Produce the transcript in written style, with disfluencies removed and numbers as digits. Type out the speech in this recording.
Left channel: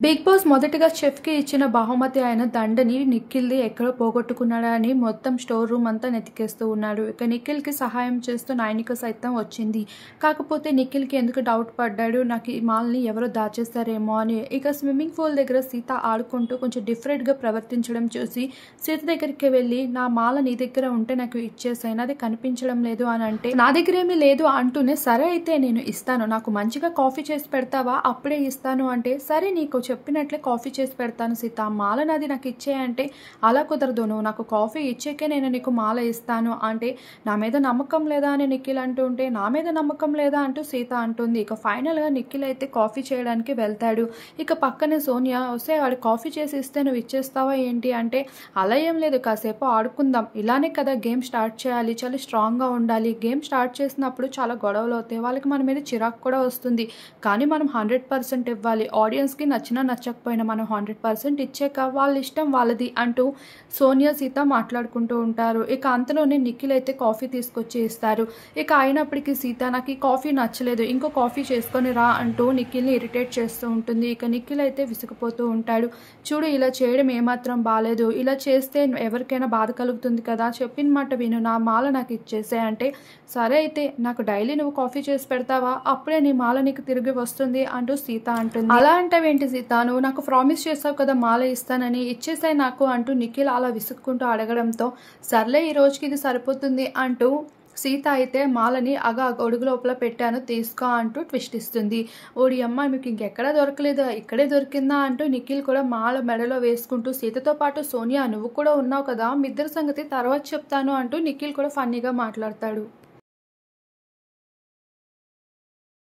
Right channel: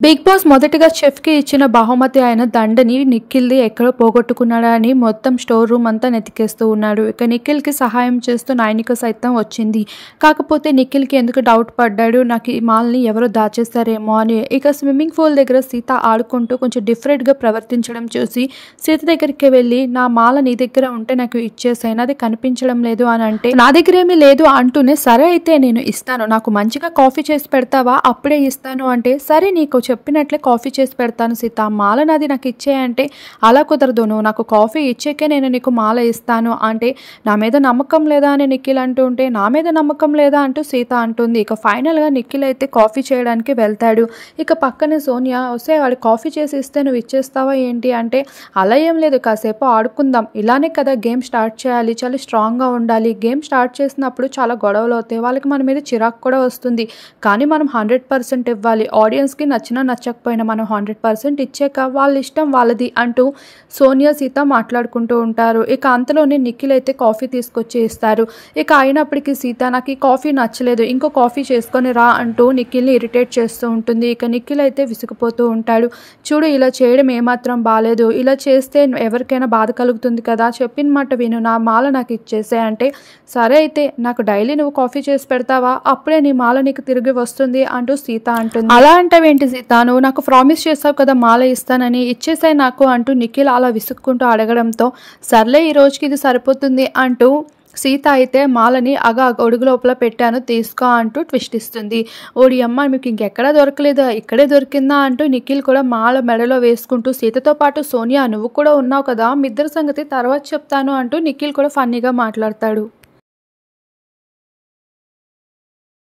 Big boss మొదటిగా చెఫ్‌కి ఇచ్చిన బహుమతి అయిన దండని నిఖిల్‌ది ఎక్కడో పోగొట్టుకున్నాడా అని మొత్తం స్టోర్ రూమ్ అంతా వెతికేస్తూ ఉన్నాడు. ఇక నిఖిల్‌కి సహాయం చేస్తూ నైనిక సైతం వచ్చింది. కాకపోతే నిఖిల్‌కి ఎందుకు డౌట్ పడ్డాడు, నాకు ఈ మాల్‌ని ఎవరో దాచేస్తారేమో అని. ఇక స్విమ్మింగ్ పూల్ దగ్గర సీత ఆడుకుంటూ కొంచెం డిఫరెంట్‌గా ప్రవర్తించడం చూసి సీత దగ్గరికి వెళ్ళి, నా మాల నీ దగ్గర ఉంటే నాకు ఇచ్చేసేయ్, నాది కనిపించడం లేదు అని అంటే, నా దగ్గర ఏమీ లేదు అంటూనే, సరే అయితే నేను ఇస్తాను, నాకు మంచిగా కాఫీ చేసి పెడతావా అప్పుడే ఇస్తాను అంటే, సరే నీకు చెప్పినట్లే కాఫీ చేసి పెడతాను సీత, మాల నాది నాకు ఇచ్చేయంటే, అలా కుదరదు, నువ్వు నాకు కాఫీ ఇచ్చాకే నేను నీకు మాల ఇస్తాను అంటే, నా మీద నమ్మకం లేదా అని నిఖిల్ అంటూ ఉంటే, నా మీద నమ్మకం లేదా అంటూ సీత అంటుంది. ఇక ఫైనల్గా నిఖిల్ అయితే కాఫీ చేయడానికి వెళ్తాడు. ఇక పక్కన సోనియా, వస్తే వాడు కాఫీ చేసి ఇస్తే నువ్వు ఇచ్చేస్తావా ఏంటి అంటే, అలా ఏం లేదు, కాసేపు ఆడుకుందాం, ఇలానే కదా గేమ్ స్టార్ట్ చేయాలి, చాలా స్ట్రాంగ్గా ఉండాలి, గేమ్ స్టార్ట్ చేసినప్పుడు చాలా గొడవలు అవుతాయి, వాళ్ళకి మన మీద చిరాకు కూడా వస్తుంది, కానీ మనం 100% ఇవ్వాలి, ఆడియన్స్కి నచ్చినా నచ్చకపోయినా మనం 100% ఇచ్చాక వాళ్ళ ఇష్టం వాళ్ళది అంటూ సోనియా సీత మాట్లాడుకుంటూ ఉంటారు. ఇక అంతలోనే నిఖిల్ అయితే కాఫీ తీసుకొచ్చి ఇస్తారు. ఇక అయినప్పటికీ సీత, నాకు ఈ కాఫీ నచ్చలేదు, ఇంకో కాఫీ చేసుకొని రా అంటూ నిఖిల్ని ఇరిటేట్ చేస్తూ ఉంటుంది. ఇక నిఖిల్ అయితే విసిగిపోతూ ఉంటాడు. చూడు, ఇలా చేయడం ఏమాత్రం బాలేదు, ఇలా చేస్తే ఎవరికైనా బాధ కలుగుతుంది కదా, చెప్పిన మాట విను, నా మాల నాకు ఇచ్చేసే అంటే, సరే అయితే నాకు డైలీ నువ్వు కాఫీ చేసి పెడతావా, అప్పుడే నీ మాల నీకు తిరిగి వస్తుంది అంటూ సీత అంటుంది. అలా అంటావేంటి సీత, నువ్వు నాకు ప్రామిస్ చేసావు కదా మాల ఇస్తానని, ఇచ్చేసాయి నాకు అంటూ నిఖిల్ అలా విసుక్కుంటూ అడగడంతో, సర్లే ఈ రోజుకి ఇది సరిపోతుంది అంటూ సీత అయితే మాలని గొడుగు లోపల పెట్టాను తీసుకో అంటూ ట్విస్ట్ ఇస్తుంది. ఓడి అమ్మ, మీకు ఇంకెక్కడా దొరకలేదా, ఇక్కడే దొరికిందా అంటూ నిఖిల్ కూడా మాల మెడలో వేసుకుంటూ, సీతతో పాటు సోనియా నువ్వు కూడా ఉన్నావు కదా, మీ ఇద్దరి సంగతి తర్వాత చెప్తాను అంటూ నిఖిల్ కూడా ఫన్నీగా మాట్లాడతాడు.